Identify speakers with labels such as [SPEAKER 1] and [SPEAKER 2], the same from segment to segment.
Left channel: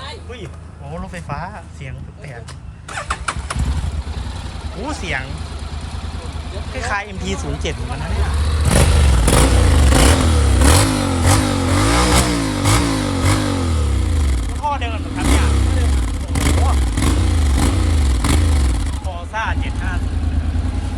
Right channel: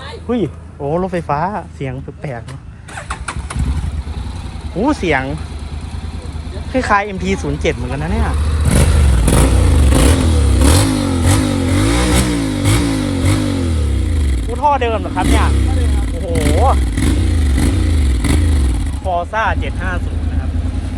[SPEAKER 1] อุ้ยโอ้รถไฟฟ้าเสียงแปลกๆโอ้เสียงคล้ายๆ MP07 เหมือนกันนะเนี่ยท่อเดิมเหรอครับเนี่ยโอ้โหฟอร์ซ่า750นะครับ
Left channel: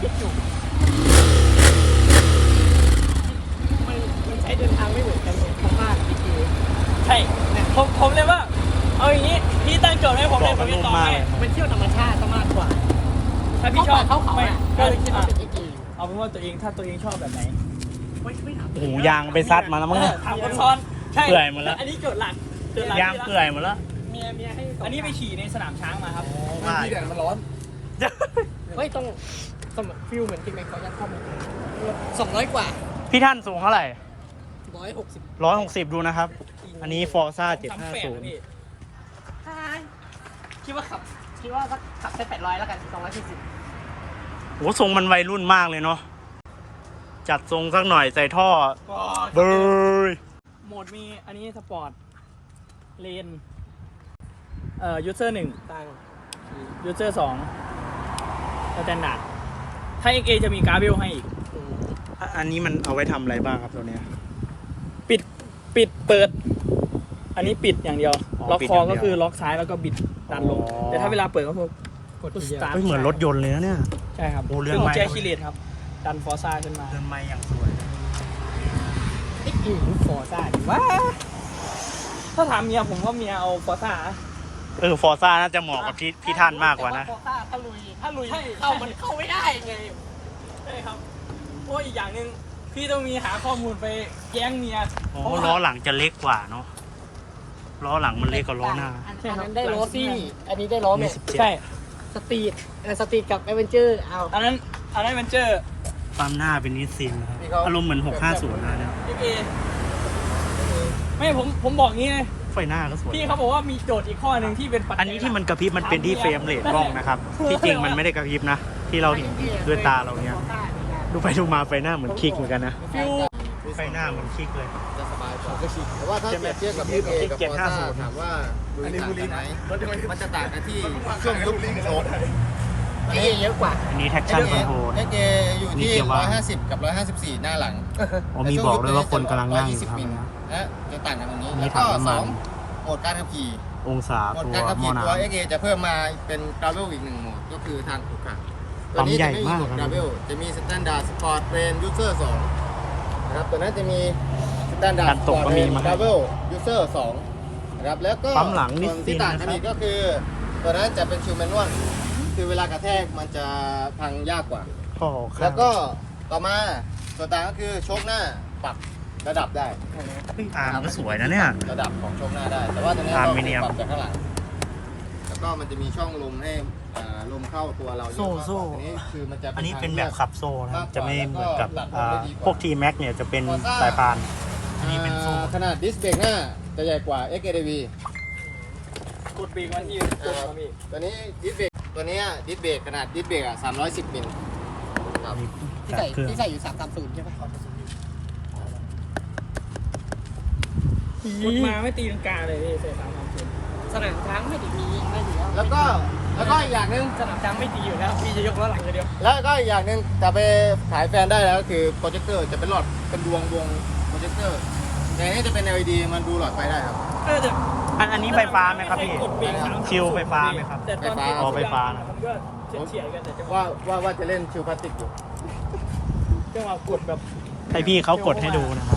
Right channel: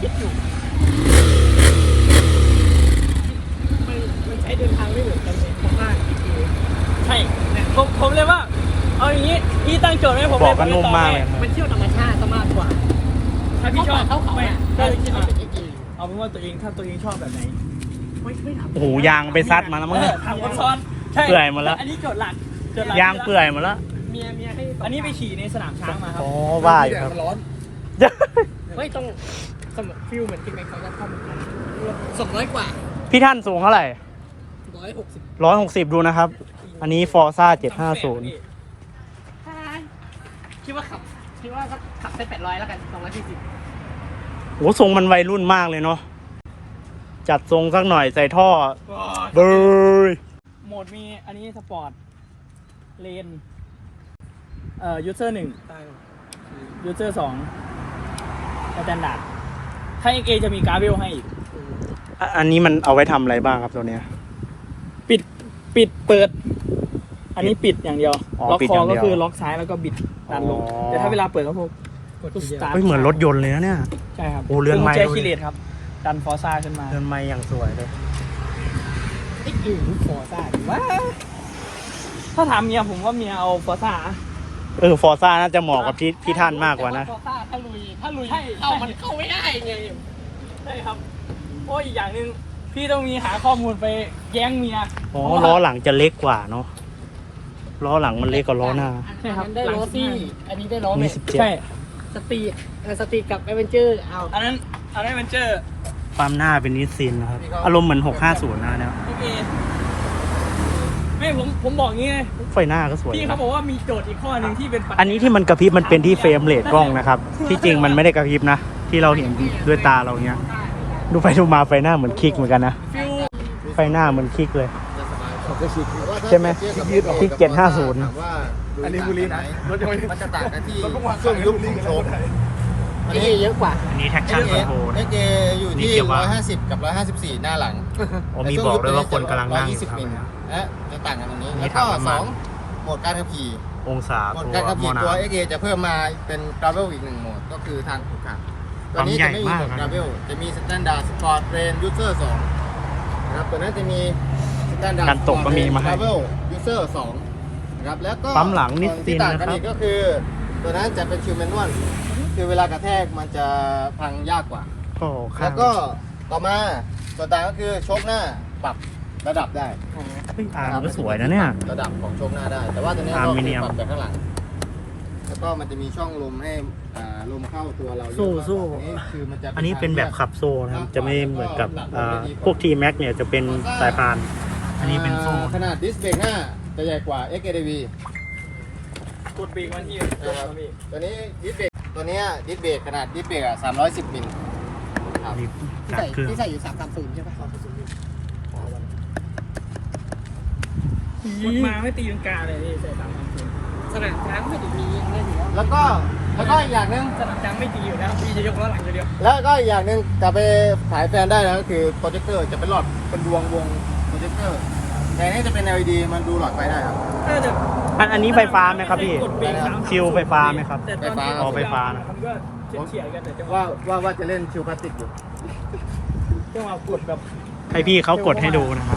[SPEAKER 2] มันใช้เดินทางไม่เหมือนกันเลยมากใช่ผมเลยว่าเอาอย่างนี้พี่ตั้งโจทย์ให้ผม
[SPEAKER 1] บอกกันนุ่มมากเลย
[SPEAKER 2] มันเที่ยวธรรมชาติมากกว่าถ้าพี่ชอบไม่เอาเป็นว่าตัวเองถ้าตัวเองชอบแบบไหน
[SPEAKER 1] โอ้โหยางไปซัดมาแล้วมั้งเนี่ย
[SPEAKER 2] ทำกันซ้อน
[SPEAKER 1] เปื่อยหมดแล้ว
[SPEAKER 2] อันนี้โจทย์หลัก
[SPEAKER 1] ยางเปื่อยหมดแล้ว
[SPEAKER 2] เมียให้อันนี้ไปขี่ในสนามช้างมาครับ
[SPEAKER 1] อ๋อว่าอยู่ครับ
[SPEAKER 3] มันร้อน
[SPEAKER 2] ไม่ต้องสมฟิลเหมือนกินในคอนข้อมูล200 กว่า
[SPEAKER 1] พี่ท่านสูงเท่าไหร่
[SPEAKER 2] 160
[SPEAKER 1] 160ดูนะครับอันนี้ฟอร์ซ่า750
[SPEAKER 2] คิดว่าขับเส้น800แล้วกัน240
[SPEAKER 1] โหทรงมันวัยรุ่นมากเลยเนาะจัดทรงสักหน่อยใส่ท่อเบย
[SPEAKER 2] โหมดมีอันนี้สปอร์ตเลนยูเซอร์1ยูเซอร์2สแตนดาร์ดถ้า XA จะมีการ์เบลให้อีก
[SPEAKER 1] อันนี้มันเอาไว้ทำอะไรบ้างครับตัวเนี้ย
[SPEAKER 2] ปิดเปิดอันนี้ปิดอย่างเดียวล็อกคอก็คือล็อกซ้ายแล้วก็บิดดันลงแต่ถ้าเวลาเปิดก็พวกกดสตาร์ท
[SPEAKER 1] เหมือนรถยนต์เลยนะเนี่ย
[SPEAKER 2] ใช่ครับ
[SPEAKER 1] โอ้เรือนไม้
[SPEAKER 2] แจคิเลตครับดันฟอร์ซ่าขึ้นมา
[SPEAKER 1] เรือนไม้อย่างสวยเลย
[SPEAKER 2] ฟอร์ซ่าดีว่าถ้าถามเมียผมว่าเมียเอาฟอร์ซ่า
[SPEAKER 1] ฟอร์ซ่าน่าจะเหมาะกับพี่ท่านมากกว่านะ
[SPEAKER 2] ฟอร์ซ่าถ้าลุยมันเข้าไม่ได้ไงใช่ครับโอ้อีกอย่างหนึ่งพี่ต้องมีหาข้อมูลไปแย้งเมีย
[SPEAKER 1] อ๋อล้อหลังจะเล็กกว่าเนาะล้อหลังมันเล็กกว่าล้อหน้า
[SPEAKER 2] ใช่ครับได้ล้อซี่อันนี้ได้ล้อ
[SPEAKER 1] มี17
[SPEAKER 2] ใช่สตรีทกับแอดเวนเจอร์เอาอันนั้นแอดเวนเจอร์
[SPEAKER 1] ปั๊มหน้าเป็นนิสซินนะครับอารมณ์เหมือน650นะเนี่ย
[SPEAKER 2] ไม่ผมบอกงี้ไง
[SPEAKER 1] ไฟหน้าก็สวย
[SPEAKER 2] พี่เขาบอกว่ามีโจทย์อีกข้อหนึ่งที่เป็น
[SPEAKER 1] อันนี้ที่มันกระพริบมันเป็นที่เฟรมเรทกล้องนะครับที่จริงมันไม่ได้กระพริบนะที่เราเห็นด้วยตาเราเนี้ยดูไปดูมาไฟหน้าเหมือนคลิกเหมือนกันนะไฟหน้าเหมือนคลิกเลยใช่ไหมคลิก750
[SPEAKER 3] ถามว่าอันนี้บุรีไหนมันจะต่างกันที่ช่วงยุคโชว์
[SPEAKER 2] เยอะกว่า
[SPEAKER 1] อันนี้แท็กชั่นคอนโทรล
[SPEAKER 3] XA อยู่ที่150กับ154หน้าหลัง
[SPEAKER 1] มีบอกด้วยว่าคนกำลังนั่งอยู่ครับ
[SPEAKER 3] และจะต่างกันตรงนี้แล้วก็2โหมดการขับขี่
[SPEAKER 1] องศาตัวมอนา
[SPEAKER 3] ตัว XA จะเพิ่มมาเป็น Travel อีก1โหมดก็คือทางขุดขา
[SPEAKER 1] ปั๊มใหญ่มากครับ
[SPEAKER 3] Travel จะมี Standard Sport Lane User 2นะครับตัวนั้นจะมี Standard
[SPEAKER 1] การตกก็มีมาให้
[SPEAKER 3] Travel User 2นะครับแล้วก็
[SPEAKER 1] ปั๊มหลังนิด
[SPEAKER 3] ที่ต่างกันอีกก็คือตัวนั้นจะเป็นชิลแมนนวลคือเวลากระแทกมันจะพังยากกว่าแล้วก็ต่อมาส่วนต่างก็คือโชคหน้าปรับระดับได้
[SPEAKER 1] อาร์มก็สวยนะเนี่ย
[SPEAKER 3] ระดับของโชคหน้าได้แต่ว่าตัวนี้ต้องปรับจากข้างหลังแล้วก็มันจะมีช่องลมให้ลมเข้าตัวเรา
[SPEAKER 1] สู้
[SPEAKER 3] นี่คือมันจะ
[SPEAKER 1] อันนี้เป็นแบบขับโซ่นะครับจะไม่เหมือนกับพวก T-Max เนี่ยจะเป็นสายพานอันนี้เป็นโซ่
[SPEAKER 3] ขนาดดิสเบรกหน้าจะใหญ่กว่า XADV
[SPEAKER 2] กดเบรกมันที่
[SPEAKER 3] ตัวนี้ดิสเบรกตัวนี้ดิสเบรกขนาดดิสเบรก310 มิล
[SPEAKER 2] ที่ใส่อยู่330ใช่ไหมกดมาไม่ตีลังกาเลยใส่330สนามช้างไม่ได้มีไม่อยู่
[SPEAKER 3] แล้วก็อีกอย่างนึง
[SPEAKER 2] สนามช้างไม่ตีอยู่แล้วพี่จะยกล้อหลังเดียว
[SPEAKER 3] แล้วก็อีกอย่างนึงจะไปถ่ายแฟนได้แล้วก็คือโปรเจคเตอร์จะเป็นหลอดเป็นดวงวงโปรเจคเตอร์แต่นี่จะเป็น LED มันดูหลอดไฟได้ครับ
[SPEAKER 1] อันนี้ไฟฟ้าไหมครับพี่ชิลไฟฟ้าไหมครับไฟฟ้านะ
[SPEAKER 3] ว่าจะเล่นชิลพลาสติกอยู่
[SPEAKER 2] จะมากดแบบ
[SPEAKER 1] ให้พี่เขากดให้ดูนะครับ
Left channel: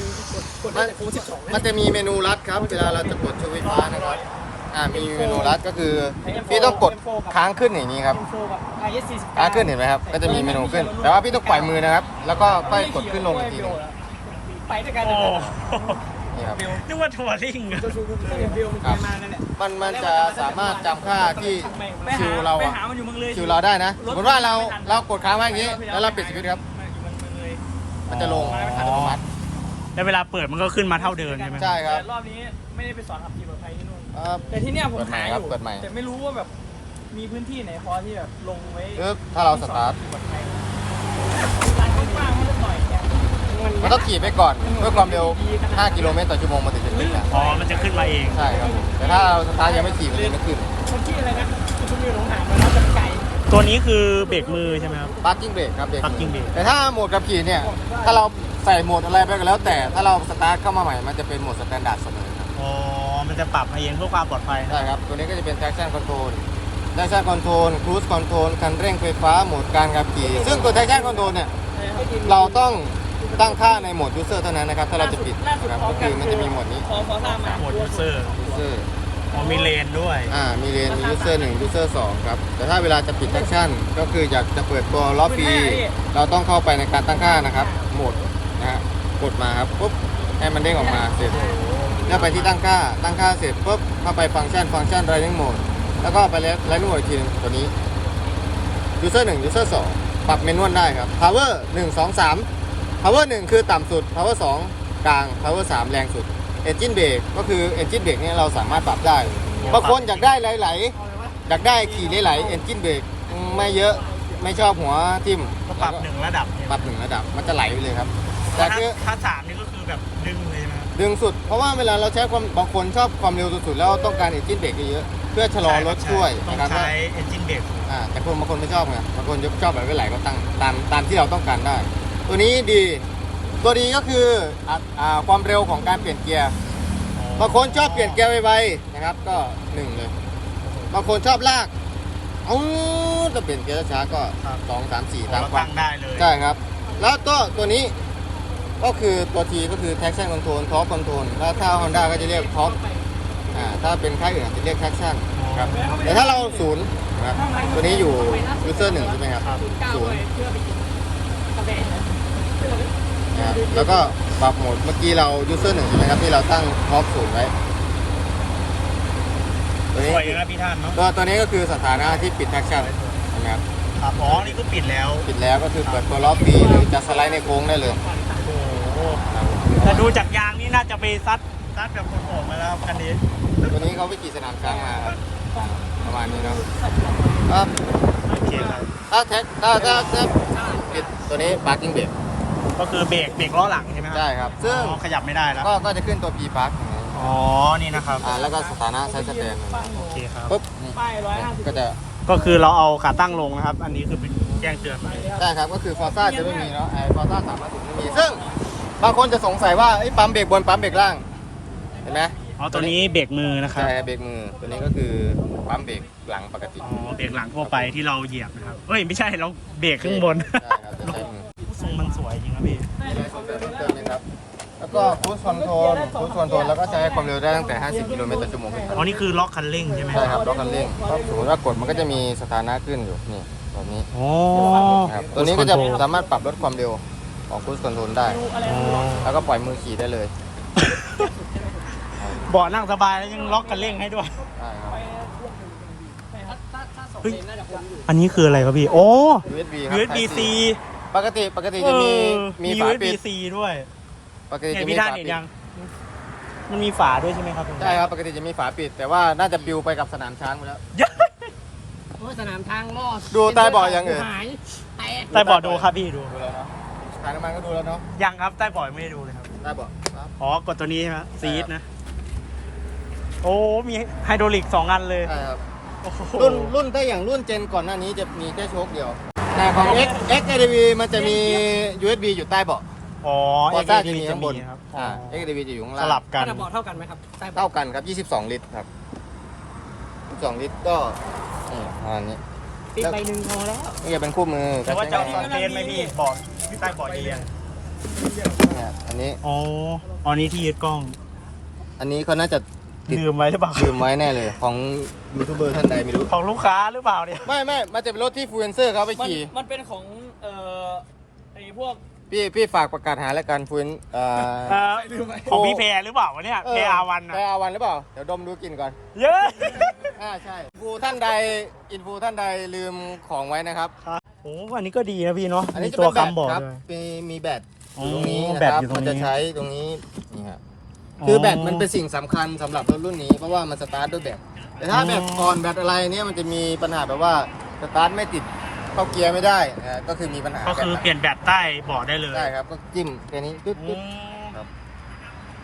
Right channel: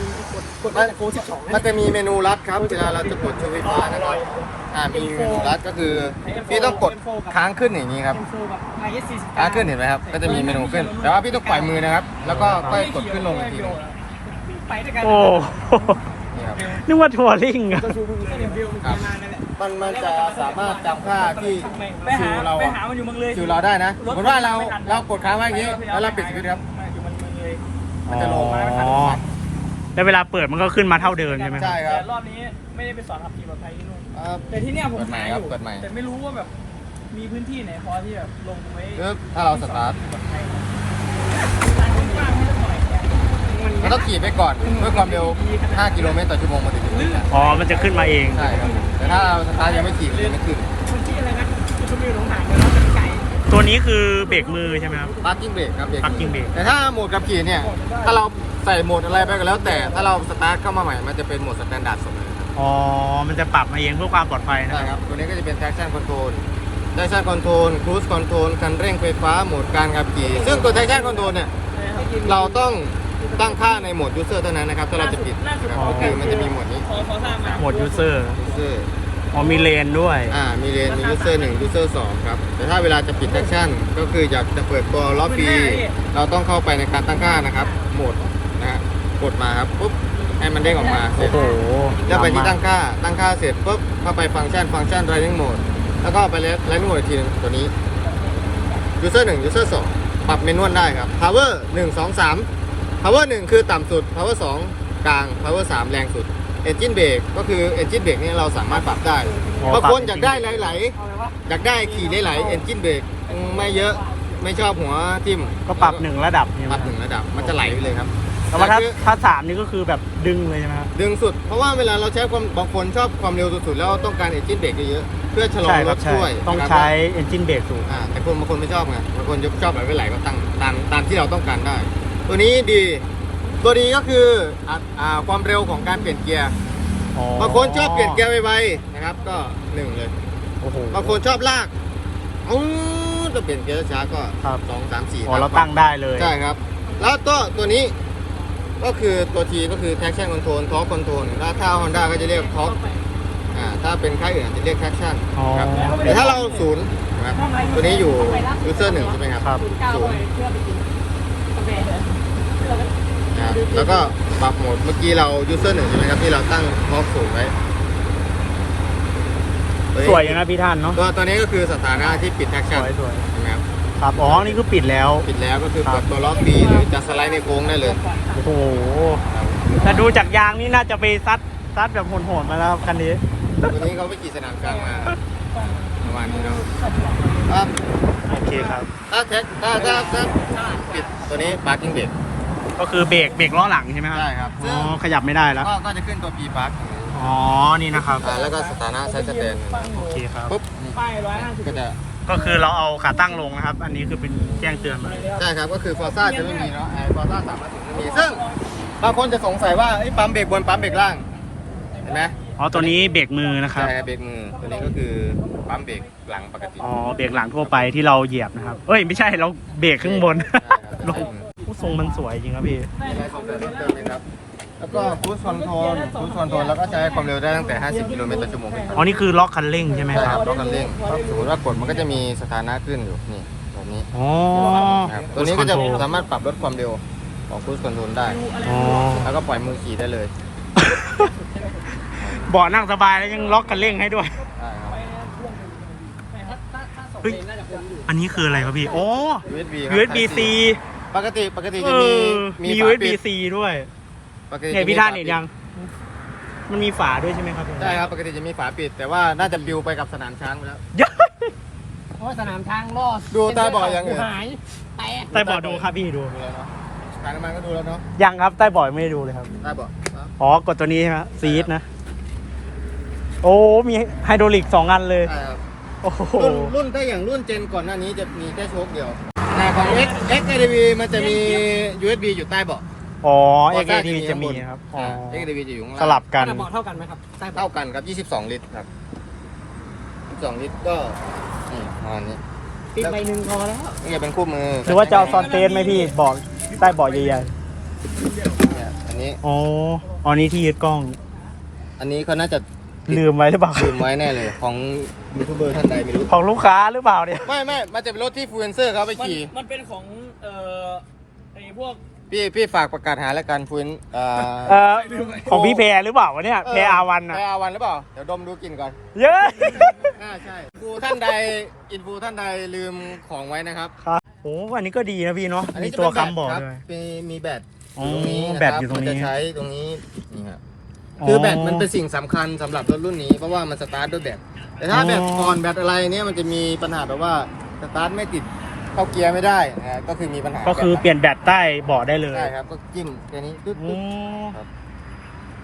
[SPEAKER 3] มันจะมีเมนูลัดครับเวลาเราจะกดชิลไฟฟ้านะครับมีเมนูลัดก็คือพี่ต้องกดค้างขึ้นอย่างนี้ครับค้างขึ้นเห็นไหมครับก็จะมีเมนูขึ้นแต่ว่าพี่ต้องปล่อยมือนะครับแล้วก็ค่อยกดขึ้นลงอีกที
[SPEAKER 1] โอ้นึกว่าทัวริงอะ
[SPEAKER 3] มันจะสามารถจำค่าที่ชิวเราได้นะสมมติว่าเรากดค้างไว้อย่างนี้แล้วเราปิดสวิตช์ครับมันจะลง
[SPEAKER 1] แล้วเวลาเปิดมันก็ขึ้นมาเท่าเดิมใช่ไหม
[SPEAKER 3] ใช่ครับ
[SPEAKER 2] แต่รอบนี้ไม่ได้ไปสอนขับขี่ปลอดภัยที่นู่นแต่ที่เนี้ยผมหาอยู่แต่ไม่รู้ว่าแบบมีพื้นที่ไหนพอที่แบบลงไว้
[SPEAKER 3] ถ้าเราสตาร์ทมันต้องขี่ไปก่อนเพื่อความเร็ว5 กิโลเมตรต่อชั่วโมงมาถึงขึ้นมา
[SPEAKER 1] อ๋อมันจะขึ้นมาเอง
[SPEAKER 3] ใช่ครับแต่ถ้าเราสตาร์ทยังไม่ขี่มันจะไม่ขึ้น
[SPEAKER 2] ที่อะไรนะคุณมีหลงหายมันไก่
[SPEAKER 1] ตัวนี้คือเบรกมือใช่ไหมครับ
[SPEAKER 3] ปาร์กิ้งเบรกครับเบรก
[SPEAKER 1] Parking brake
[SPEAKER 3] แต่ถ้าโหมดขับขี่เนี่ยถ้าเราใส่โหมดอะไรไปก็แล้วแต่ถ้าเราสตาร์ทเข้ามาใหม่มันจะเป็นโหมดสแตนดาร์ดสุด
[SPEAKER 1] อ๋อมันจะปรับมาเองเพื่อความปลอดภัยนะ
[SPEAKER 3] ใช่
[SPEAKER 1] ครับ
[SPEAKER 3] ครับตัวนี้ก็จะเป็น traction control traction control cruise control คันเร่งไฟฟ้าโหมดการขับขี่ซึ่งตัว traction control เนี่ยเราต้องตั้งค่าในโหมด user เท่านั้นนะครับถ้าเราจะปิดนะครับคือมันจะมีโหมดนี้
[SPEAKER 2] พอสร้างมา
[SPEAKER 1] โหมดยูเซอร์
[SPEAKER 3] user
[SPEAKER 1] อ๋อมีเลนด้วย
[SPEAKER 3] มีเลนมี user 1 user 2ครับแต่ถ้าเวลาจะปิด traction ก็คืออยากจะเปิดตัวล้อฟรีเราต้องเข้าไปในการตั้งค่านะครับโหมดนะฮะกดมาครับปุ๊บให้มันเด้งออกมาเสร็จ
[SPEAKER 1] โอ้โห
[SPEAKER 3] แล้วไปที่ตั้งค่าเสร็จปุ๊บเข้าไปฟังก์ชันdriving mode แล้วก็ไปdriving mode อีกทีนึงตัวนี้ user 1 user 2ปรับเมนวลได้ครับ power 1 2 3 power 1 คือต่ำสุด power 2 กลาง power 3 แรงสุด engine brake ก็คือ engine brake เนี่ยเราสามารถปรับได้บางคนอยากได้ไหลๆอยากได้ขี่ไหลๆ engine brake ไม่เยอะไม่ชอบหัวทิ่ม
[SPEAKER 1] ก็ปรับหนึ่งระดับเนี่ย
[SPEAKER 3] ปรับหนึ่งระดับมันจะไหลไปเลยครับ
[SPEAKER 1] แต่ว่าถ้าสามนี่ก็คือแบบดึงเลยใช่ไหมครับ
[SPEAKER 3] ดึงสุดเพราะว่าเวลาเราใช้ความบางคนชอบความเร็วสุดๆแล้วต้องการ engine brake เยอะๆเพื่อชะลอรถช่วย
[SPEAKER 1] ต้อง
[SPEAKER 3] นะครับ
[SPEAKER 1] ใช้ engine brake สูง
[SPEAKER 3] แต่คนบางคนไม่ชอบไงบางคนชอบแบบไม่ไหลก็ตั้งตามที่เราต้องการได้ ตัวนี้ดีตัวดีก็คือความเร็วของการเปลี่ยนเกียร์บางคนชอบเปลี่ยนเกียร์ไวๆนะครับก็หนึ่งเลย
[SPEAKER 1] โอ้โห
[SPEAKER 3] บางคนชอบลากจะเปลี่ยนเกียร์ช้าก็
[SPEAKER 1] ครับ
[SPEAKER 3] 2 3 4
[SPEAKER 1] อ๋อเราตั้งได้เลย
[SPEAKER 3] ใช่ครับ แล้วก็ตัวนี้ก็คือตัวทีก็คือ traction control torque control ถ้า Honda ก็จะเรียก torque ถ้าเป็นค่ายอื่นอาจจะเรียก traction
[SPEAKER 1] อ๋อ
[SPEAKER 3] ครับแต่ถ้าเราศูนย์นะครับตัวนี้อยู่ user 1ใช่ไหมครับ
[SPEAKER 1] ครับ
[SPEAKER 3] ศูนย์นะครับแล้วก็ปรับโหมดเมื่อกี้เรา user 1ใช่ไหมครับที่เราตั้ง torque ศูนย์ไว้
[SPEAKER 1] สวยอย่างนะพี่ท่านเนาะ
[SPEAKER 3] ตัวนี้ก็คือสถานะที่ปิด traction
[SPEAKER 1] สวย
[SPEAKER 3] นะครับ
[SPEAKER 1] ครับอ๋อนี่คือปิดแล้ว
[SPEAKER 3] ปิดแล้วก็คือเปิดตัวล้อฟรีหรือจะสไลด์ในโค้งได้เลย
[SPEAKER 1] โอ้โหแต่ดูจากยางนี่น่าจะไปซัดแบบโหดๆมาแล้วครับคันนี้
[SPEAKER 3] ตัวนี้เขาไปขี่สนามกลางมาประมาณนี้เนาะ
[SPEAKER 1] โอเคครับ
[SPEAKER 3] ถ้าปิดตัวนี้ parking brake
[SPEAKER 1] ก็คือเบรกล้อหลังใช่ไหมครับ
[SPEAKER 3] ใช่ครับ
[SPEAKER 1] อ๋
[SPEAKER 3] ซึ่ง
[SPEAKER 1] อขยับไม่ได้แล้ว
[SPEAKER 3] ก็จะขึ้นตัว P park
[SPEAKER 1] อ๋อนี่นะครับ
[SPEAKER 3] แล้วก็สถานะใช้สแตน
[SPEAKER 1] โอเคครับ
[SPEAKER 3] ปุ๊บนี่
[SPEAKER 2] ป้าย150
[SPEAKER 3] ก็จะ
[SPEAKER 1] ก็คือเราเอาขาตั้งลงนะครับ อันนี้คือเป็นแจ้งเตือนมา
[SPEAKER 3] ได้ครับก็คือ Forza จะไม่มีเนาะForza 310ไม่มีซึ่งบางคนจะสงสัยว่าปั๊มเบรกบนปั๊มเบรกล่างเห็นไหม
[SPEAKER 1] อ๋อตัวนี้เบรกมือนะครับ
[SPEAKER 3] แต่เบรกมือตัวนี้ก็คือปั๊มเบรกหลังปกติ
[SPEAKER 1] อ๋อเบรกหลังทั่วไปที่เราเหยียบนะครับเอ้ยไม่ใช่เราเบรกข้างบน
[SPEAKER 3] ลง
[SPEAKER 1] ผู้ทรงมันสวยจริงครับพี่
[SPEAKER 3] อะไรสงสัยเพิ่มเติมไหมครับแล้วก็ครูซคอนโทรลแล้วก็ใช้ความเร็วได้ตั้งแต่ 50 กิโลเมตรต่อชั่วโมง
[SPEAKER 1] อ๋อนี่คือล็อกคันเร่งใช่ไหมครับ
[SPEAKER 3] รถคันเร่งสมมติว่ากดมันก็จะมีสถานะขึ้นอยู่นี่แบบนี้
[SPEAKER 1] อ๋อ
[SPEAKER 3] ครับตัวนี้ก็จะสามารถปรับลดความเร็วของครูซคอนโทรลได้
[SPEAKER 1] อ๋อ
[SPEAKER 3] แล้วก็ปล่อยมือขี่ได้เลย
[SPEAKER 1] เบาะนั่งสบายแล้วยังล็อกคันเร่งให้ด้วย
[SPEAKER 3] ได้ครับ
[SPEAKER 1] เฮ้ยอันนี้คืออะไรครับพี่โอ้
[SPEAKER 3] USB ครับ
[SPEAKER 1] USB-C
[SPEAKER 3] ปกติ
[SPEAKER 1] เอ
[SPEAKER 3] จะมี
[SPEAKER 1] มี
[SPEAKER 3] ฝาปิด
[SPEAKER 1] USB-C ด้วย
[SPEAKER 3] ปกติ
[SPEAKER 1] เห็น
[SPEAKER 3] จะมี
[SPEAKER 1] พี่ท่าน
[SPEAKER 3] ฝ
[SPEAKER 1] เห็น
[SPEAKER 3] ปิด
[SPEAKER 1] ยัง มันมีฝาด้วยใช่ไหมครับ
[SPEAKER 3] ใช่ครับปกติจะมีฝาปิด แต่ว่าน่าจะบิวไปกับสนามช้างแล้ว
[SPEAKER 2] เพราะสนามทางรอด
[SPEAKER 3] ดูใต้เบาะอย่างอื่น
[SPEAKER 2] หายแตก
[SPEAKER 1] ใต้เบาะดูครับพี่ดู
[SPEAKER 3] การน้ำมันก็ดูแล้วเนาะ
[SPEAKER 1] ยังครับใต้เบาะไม่ได้ดูเลยครับ
[SPEAKER 3] ใต้เบาะครับ
[SPEAKER 1] อ๋อกดตัวนี้ใช่ไหมซีดนะ โอ้มีไฮดรอลิก2 อันเลย
[SPEAKER 3] ใช่ครับ
[SPEAKER 1] โอ้โห
[SPEAKER 3] รุ่นถ้าอย่างรุ่นเจนก่อนหน้านี้จะมีแค่โชคเดียวแต่ของ XADV มันจะมี USB อยู่ใต้เบาะ
[SPEAKER 1] อ๋อ
[SPEAKER 3] Forza
[SPEAKER 1] XADV จะมีครับอ๋อ
[SPEAKER 3] XADV จะอยู่ข้าง
[SPEAKER 1] ส
[SPEAKER 3] ล่าง
[SPEAKER 1] ลับกัน
[SPEAKER 2] ขนาดเบาะเท่ากันไหมครับใต้เบาะ
[SPEAKER 3] เท่ากันครับ 22 ลิตรครับ 22 ลิตรก็ประมาณนี้
[SPEAKER 2] ติดใบหนึ่งพอแล้ว
[SPEAKER 3] นี่จะเป็นคู่มือ
[SPEAKER 1] หรือว่าจะเอาซอนเทนไหมพี่บอกใต้เบาะใหญ่
[SPEAKER 3] เนี่ยอันนี้
[SPEAKER 1] ๆอ๋ออ๋อนี่ที่ยึดกล้อง
[SPEAKER 3] อันนี้เขาน่าจะ
[SPEAKER 1] ลืมไว้หรือเปล่า
[SPEAKER 3] ลืมไว้แน่เลยของยูทูบเบอร์ท่านใดไม่รู้
[SPEAKER 1] ของลูกค้าหรือเปล่าเนี่ย
[SPEAKER 3] ไม่มันจะเป็นรถที่ฟลูเอนเซอร์เขาไปขี่
[SPEAKER 2] มันเป็นของไอ้พวก
[SPEAKER 3] พี่ฝากประกาศหารายการฟลูเอน
[SPEAKER 1] ของพี่แพรหรือเปล่าวะเนี่ยแพรอาวันอ่ะ
[SPEAKER 3] แพรอาวันหรือเปล่า เดี๋ยวดมดูกลิ่นก่อน
[SPEAKER 1] เย้
[SPEAKER 3] ใช่อินฟูท่านใดลืมของไว้นะครับ
[SPEAKER 1] ครับโอ้อันนี้ก็ดีนะพี่เนาะ
[SPEAKER 3] อัน
[SPEAKER 1] มี
[SPEAKER 3] นี้จะ
[SPEAKER 1] ตัว
[SPEAKER 3] เป็น
[SPEAKER 1] คำบอก
[SPEAKER 3] ครับ
[SPEAKER 1] ด้วย
[SPEAKER 3] มีแบต
[SPEAKER 1] อ๋อ
[SPEAKER 3] ตรงนี้นะ
[SPEAKER 1] แบต
[SPEAKER 3] ครับ
[SPEAKER 1] อยู่ตรงนี้
[SPEAKER 3] จะใช้ตรงนี้นี่ครับคือแบตมันเป็นสิ่งสำคัญสำหรับรถรุ่นนี้เพราะว่ามันสตาร์ทด้วยแบตแต่ถ้าแบตอ่อนแบตอะไรเนี่ยมันจะมีปัญหาแบบว่าสตาร์ทไม่ติดเข้าเกียร์ไม่ได้ก็คือมีปัญหา
[SPEAKER 1] ก็คือเปลี่ยนแบตใต้เบาะได้เลย
[SPEAKER 3] ใช่ครับก็จิ้มตัวนี้ตึ๊ด
[SPEAKER 1] อืม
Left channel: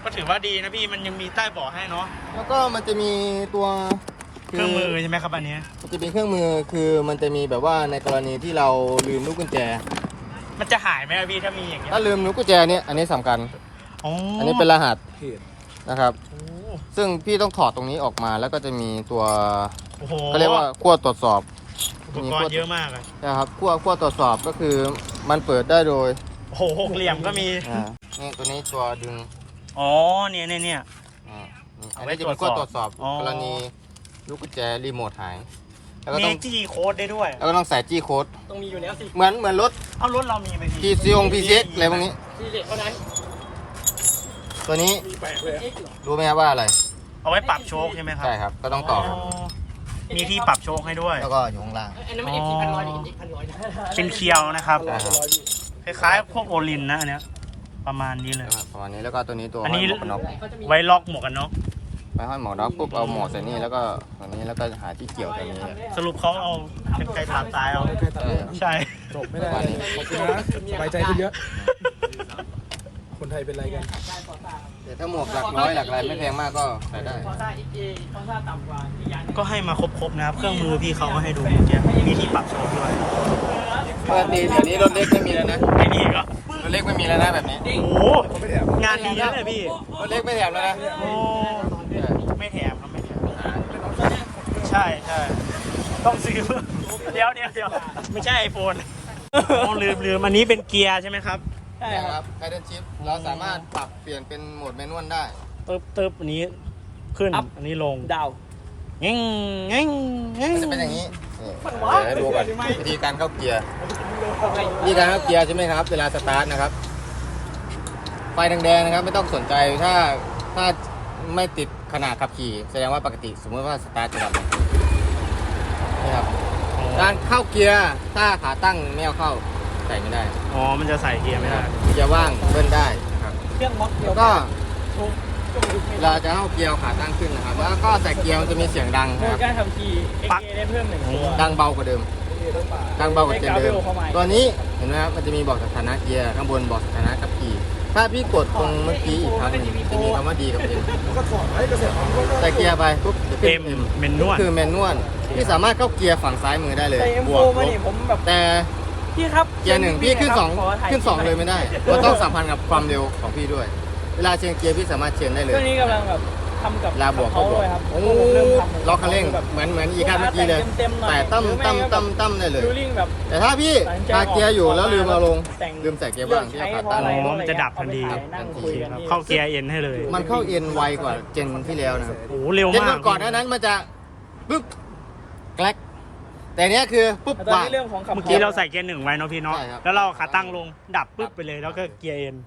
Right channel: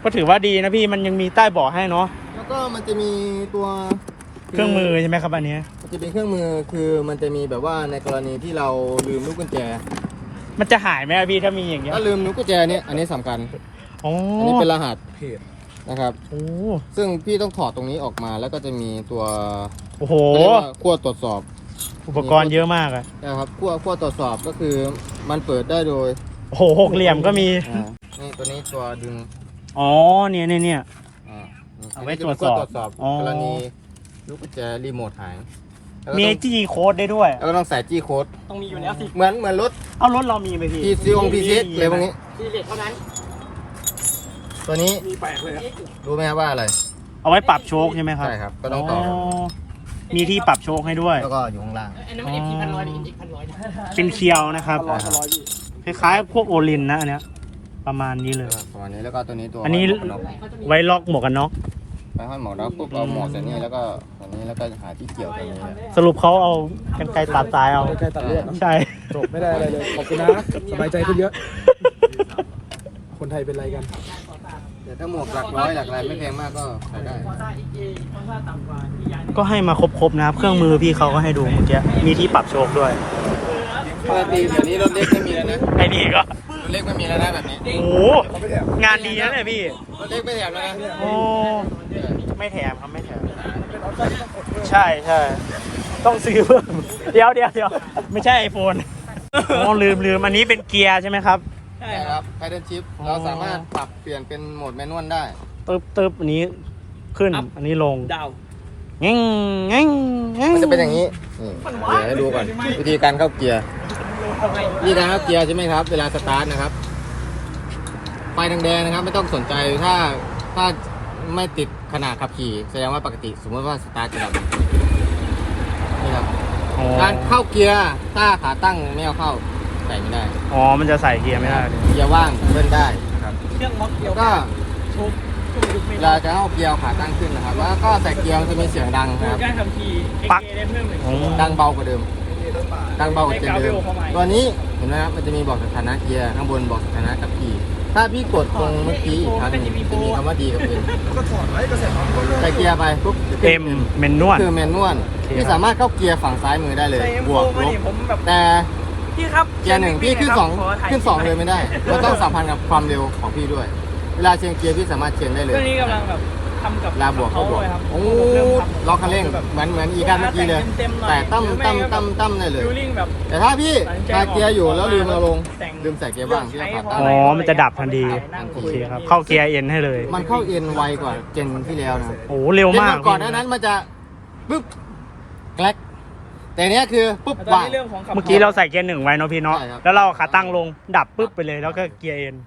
[SPEAKER 1] ก็ถือว่าดีนะพี่มันยังมีใต้เบาะให้เนาะ
[SPEAKER 3] แล้วก็มันจะมีตัว
[SPEAKER 1] เครื่องมือใช่ไหมครับอันเนี้ย
[SPEAKER 3] มันจะเป็นเครื่องมือคือมันจะมีแบบว่าในกรณีที่เราลืมลูกกุญแจ
[SPEAKER 1] มันจะหายไหมอะพี่ถ้ามีอย่างเงี้ย
[SPEAKER 3] ถ้าลืมลูกกุญแจเนี่ยอันนี้สำคัญ
[SPEAKER 1] อ๋อ
[SPEAKER 3] อั
[SPEAKER 1] อั
[SPEAKER 3] นนี้เป็นรหัสนะครับ
[SPEAKER 1] โอ้
[SPEAKER 3] ซึ่งพี่ต้องถอดตรงนี้ออกมาแล้วก็จะมีตัว
[SPEAKER 1] โอ้โห
[SPEAKER 3] เขาเรียกว่าขั้วตรวจสอบ
[SPEAKER 1] อุปกรณ์เยอะมากอะ
[SPEAKER 3] นะครับขั้วตรวจสอบก็คือมันเปิดได้โดย
[SPEAKER 1] โอ้โหหกเหลี่ยมก็มี
[SPEAKER 3] นี่ตัวนี้ตัวดึง
[SPEAKER 1] อ๋อเนี่ยเนี่ยเนี่ย
[SPEAKER 3] อ่า
[SPEAKER 1] เอาไว้
[SPEAKER 3] นนี้จะเป็นขั้วตรวจสอบ
[SPEAKER 1] อ๋อ
[SPEAKER 3] กรณีลูกกุญแจรีโมทหายแล้วก็
[SPEAKER 1] มี
[SPEAKER 3] ต้อง
[SPEAKER 1] จี้โค้ดได้ด้วย
[SPEAKER 3] แล้วก็ต้องใส่จี้โค้ด
[SPEAKER 2] ต้องมีอยู่แล้วสิ
[SPEAKER 3] เหมือนรถ
[SPEAKER 1] เอารถเรามีไหมพี่
[SPEAKER 3] PCX อะไรพวกนี้
[SPEAKER 2] ซีเรียสเท่านั้น
[SPEAKER 3] ตัวนี้
[SPEAKER 2] มีแปลกเลย
[SPEAKER 3] รู้ไหมครับว่าอะไร
[SPEAKER 1] เอาไว้ปรับโชคใช่ไหมครับ
[SPEAKER 3] ใช่ครับก็ต้องต่อ
[SPEAKER 1] มีที่ปรับโชคให้ด้วย
[SPEAKER 3] แล้วก็อยู่ข้างล่าง
[SPEAKER 2] อันนั้นมัน FT 1,100หรือ NX 1,100นะ
[SPEAKER 1] เป็นเคียวนะครับ
[SPEAKER 3] ใช่ครับ
[SPEAKER 1] คล้ายๆพวกโอลินนะอันเนี้ยประมาณนี้เลย
[SPEAKER 3] ประมาณนี้แล้วก็ตัวนี้ตัว
[SPEAKER 1] อันนี้
[SPEAKER 3] ห้ยหมวกกันน็อก
[SPEAKER 1] ไว้ล็อกหมวกกันน็อก
[SPEAKER 3] ไปห้อยหมวกกันน็อกปุ๊บเอาหมวกใส่นี่แล้วก็ตัวนี้แล้วก็หาที่เกี่ยวตัวนี้แหละ
[SPEAKER 1] สรุปเขาเอากันไกรตัดสายเอา
[SPEAKER 3] ใช่ครับ
[SPEAKER 1] ใช่
[SPEAKER 4] จบไม่ได้เลยขอบคุณนะสบายใจขึ้นเยอะ คนไทยเป็นไรกัน
[SPEAKER 3] แต่ถ้าหมวกหลักร้อยหลักอะไรไม่แพงมากก็ใส่ได้
[SPEAKER 2] คอซ่า XA คอซ่าต่ำกว่าอีกอย่างหนึง
[SPEAKER 1] ก็ให้มาครบๆนะครับ เครื่องมือพี่เขาก็ให้ดูเมื่อกี้มีที่ปรับโชคด้วย
[SPEAKER 3] ปกติเดี๋ยวนี้รถเล็กไม่มีแล้วนะ
[SPEAKER 1] ไอ้นี่ก็
[SPEAKER 3] รถเล็กไม่มีแล้วนะแบบนี้
[SPEAKER 1] โอ้โหงานดีนะเลยพี่
[SPEAKER 3] รถเล็กไม่แถมแล้วนะ
[SPEAKER 1] โอ้ไม่แถมครับไม่แถมใช่ใช่ต้องซื้อเพิ่มเดี๋ยวไม่ใช่ไอโฟนอ๋อลืมอันนี้เป็นเกียร์ใช่ไหมครับ
[SPEAKER 2] ใช่
[SPEAKER 3] ใช่
[SPEAKER 2] ค
[SPEAKER 3] ครับ รับไฮเดรชิป
[SPEAKER 1] อ๋อ
[SPEAKER 3] เราสามารถปรับเปลี่ยนเป็นโหมดแมนนวลได้
[SPEAKER 1] ตึ๊บอันนี้ขึ้นอันนี้ลง
[SPEAKER 2] ดาว
[SPEAKER 1] เง่งเง่งเง่ง
[SPEAKER 3] มันจะเป็นอย่างนี้นี่เดี๋ยวให้ดูก่อนวิธีการเข้าเกียร์วิธีการเข้าเกียร์ใช่ไหมครับ เวลาสตาร์ทนะครับไฟแดงๆนะครับ ไม่ต้องสนใจถ้าไม่ติดขนาดขับขี่แสดงว่าปกติสมมติว่าสตาร์ทจะดับนี่ครับ
[SPEAKER 1] อ๋อ
[SPEAKER 3] การเข้าเกียร์ถ้าขาตั้งไม่เอาเข้าใส่ไม่ได้
[SPEAKER 1] อ๋อมันจะใส่เกียร์ไม่ได้
[SPEAKER 3] เกียร์ว่างเบิ้ลได้นะครับ
[SPEAKER 2] เครื่องล็อกเดีย
[SPEAKER 3] แล้ว วก็เวลาจะเข้าเกียร์เอาขาตั้งขึ้นนะครับ แล้วก็ใส่เกียร์มันจะมีเสียงดังนะครับ
[SPEAKER 2] การทำที
[SPEAKER 1] ปัก
[SPEAKER 2] XA ได้เพิ่มหนึ่ง
[SPEAKER 1] อ๋อ
[SPEAKER 3] ดังเบากว่าเดิม ดังเบากว่าเดิม ตัวนี้เห็นไหมครับมันจะมีบอกสถานะเกียร์ข้างบนบอกสถานะขับขี่ถ้าพี่กดตรงเมื่อกี้อีกครั้งหนึงจะมีคำว่าดีกับเอ็มใส่เกียร์ไปปุ๊บจะขึ้น
[SPEAKER 1] เต็มเมนนวล
[SPEAKER 3] คือแมนนวลพี่สามารถเข้าเกียร์ฝั่งซ้ายมือได้เลย
[SPEAKER 2] แต่
[SPEAKER 3] บวก
[SPEAKER 2] M4
[SPEAKER 3] ลบ
[SPEAKER 2] ผมแบบ
[SPEAKER 3] แต่
[SPEAKER 2] พี่ครับ
[SPEAKER 3] เกียร์หนึ่งพี่ขึ้นสองเลยไม่ได้มันต้องสัมพันธ์กับความเร็วของพี่ด้วย เวลาเชนเกียร์พี่สามารถเชนได้เล
[SPEAKER 2] เค
[SPEAKER 3] ย
[SPEAKER 2] รื่องนี้กำลังแบบทำกับ
[SPEAKER 3] เวลาบวกก็บวก
[SPEAKER 2] เขาด้วยครับ
[SPEAKER 3] โอ้ล็อกคันเร่งเหมือนอีกคันเมื่อกี้เลย แต่ตั้มได้เลย
[SPEAKER 2] ฟิลลิ่งแบบ
[SPEAKER 3] แต่ถ้าพี่คาเกียร์อยู่แล้วลืมเอาลงลืมใส่เกียร์ว่างพี่ก็ขาตั้ง
[SPEAKER 1] อ๋อมันจะดับทันทีโอเคครับเข้าเกียร์เอ็นให้เลย
[SPEAKER 3] มันเข้าเอ็นไวกว่าเจนที่แล้วนะ
[SPEAKER 1] โอ้เร็ว
[SPEAKER 3] เจน
[SPEAKER 1] มาก
[SPEAKER 3] ก่อนหน้านั้นมันจะปึ๊บแกลกแต่เนี้ยคือปุ๊บ
[SPEAKER 2] ตอน
[SPEAKER 3] ว่าง
[SPEAKER 2] นี้เรื่องของขับ
[SPEAKER 1] เมื่อกี้เราใส่เกียร์หนึ่งไว้เนาะพี่เนาะ
[SPEAKER 3] ใช่ครับ
[SPEAKER 1] แล้วเราขาตั้งลงดับปุ๊บไปเลยแล้วก็เกียร์เอ็น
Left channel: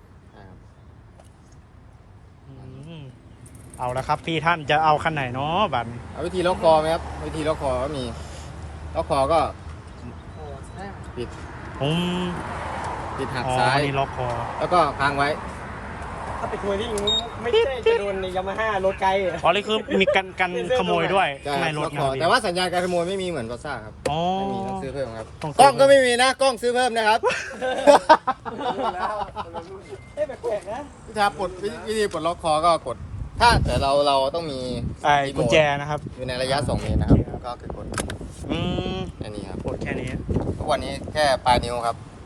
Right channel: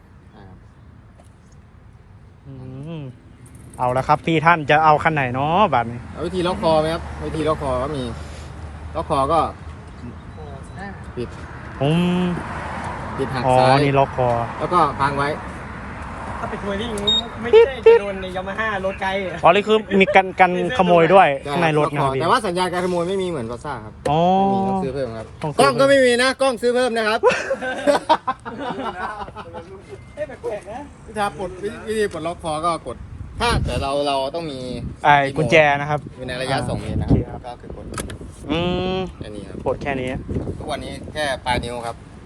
[SPEAKER 1] อืมเอาละครับพี่ท่านจะเอาคันไหนเนาะบัตรนี้
[SPEAKER 3] เอาวิธีล็อกคอไหมครับวิธีล็อกคอก็มีล็อกคอก็ปิด
[SPEAKER 1] ผม
[SPEAKER 3] หัก
[SPEAKER 1] อ๋อ
[SPEAKER 3] ซ้าย
[SPEAKER 1] นี่ล็อกคอ
[SPEAKER 3] แล้วก็ค้างไว้
[SPEAKER 2] ถ้าไปทัวริ่งไม่ใช่จะโดนในยามาฮ่ารถไกลอะ
[SPEAKER 1] อ๋อนี่คือมีกันขโมยด้วยข้างในรถนะ
[SPEAKER 3] ล็อกคอ
[SPEAKER 1] พี่
[SPEAKER 3] แต่ว่าสัญญาณการขโมยไม่มีเหมือนกอซ่าครับ
[SPEAKER 1] อ๋อ
[SPEAKER 3] ไม่มีต้องซื้อเพิ่มครับ
[SPEAKER 1] ต้องซื้
[SPEAKER 3] ก
[SPEAKER 1] อ
[SPEAKER 3] ล้องก็ไม่มีนะกล้องซื้อเพิ่มนะครับ
[SPEAKER 2] เอ๊ะแปลกๆนะ
[SPEAKER 3] ถ้าปลดวิธีปลดล็อกคอก็กด ถ้าแต่เราต้องมี
[SPEAKER 1] ไอ้กุญแจนะครับ
[SPEAKER 3] อยู่ในระยะ2 เมตรนะครับ
[SPEAKER 1] โอเคครับ
[SPEAKER 3] ก็คือกด
[SPEAKER 1] อืม
[SPEAKER 3] อันนี้ครับ
[SPEAKER 1] ปวดแค่นี้
[SPEAKER 3] ทุกวันนี้แค่ปลายนิ้วครับ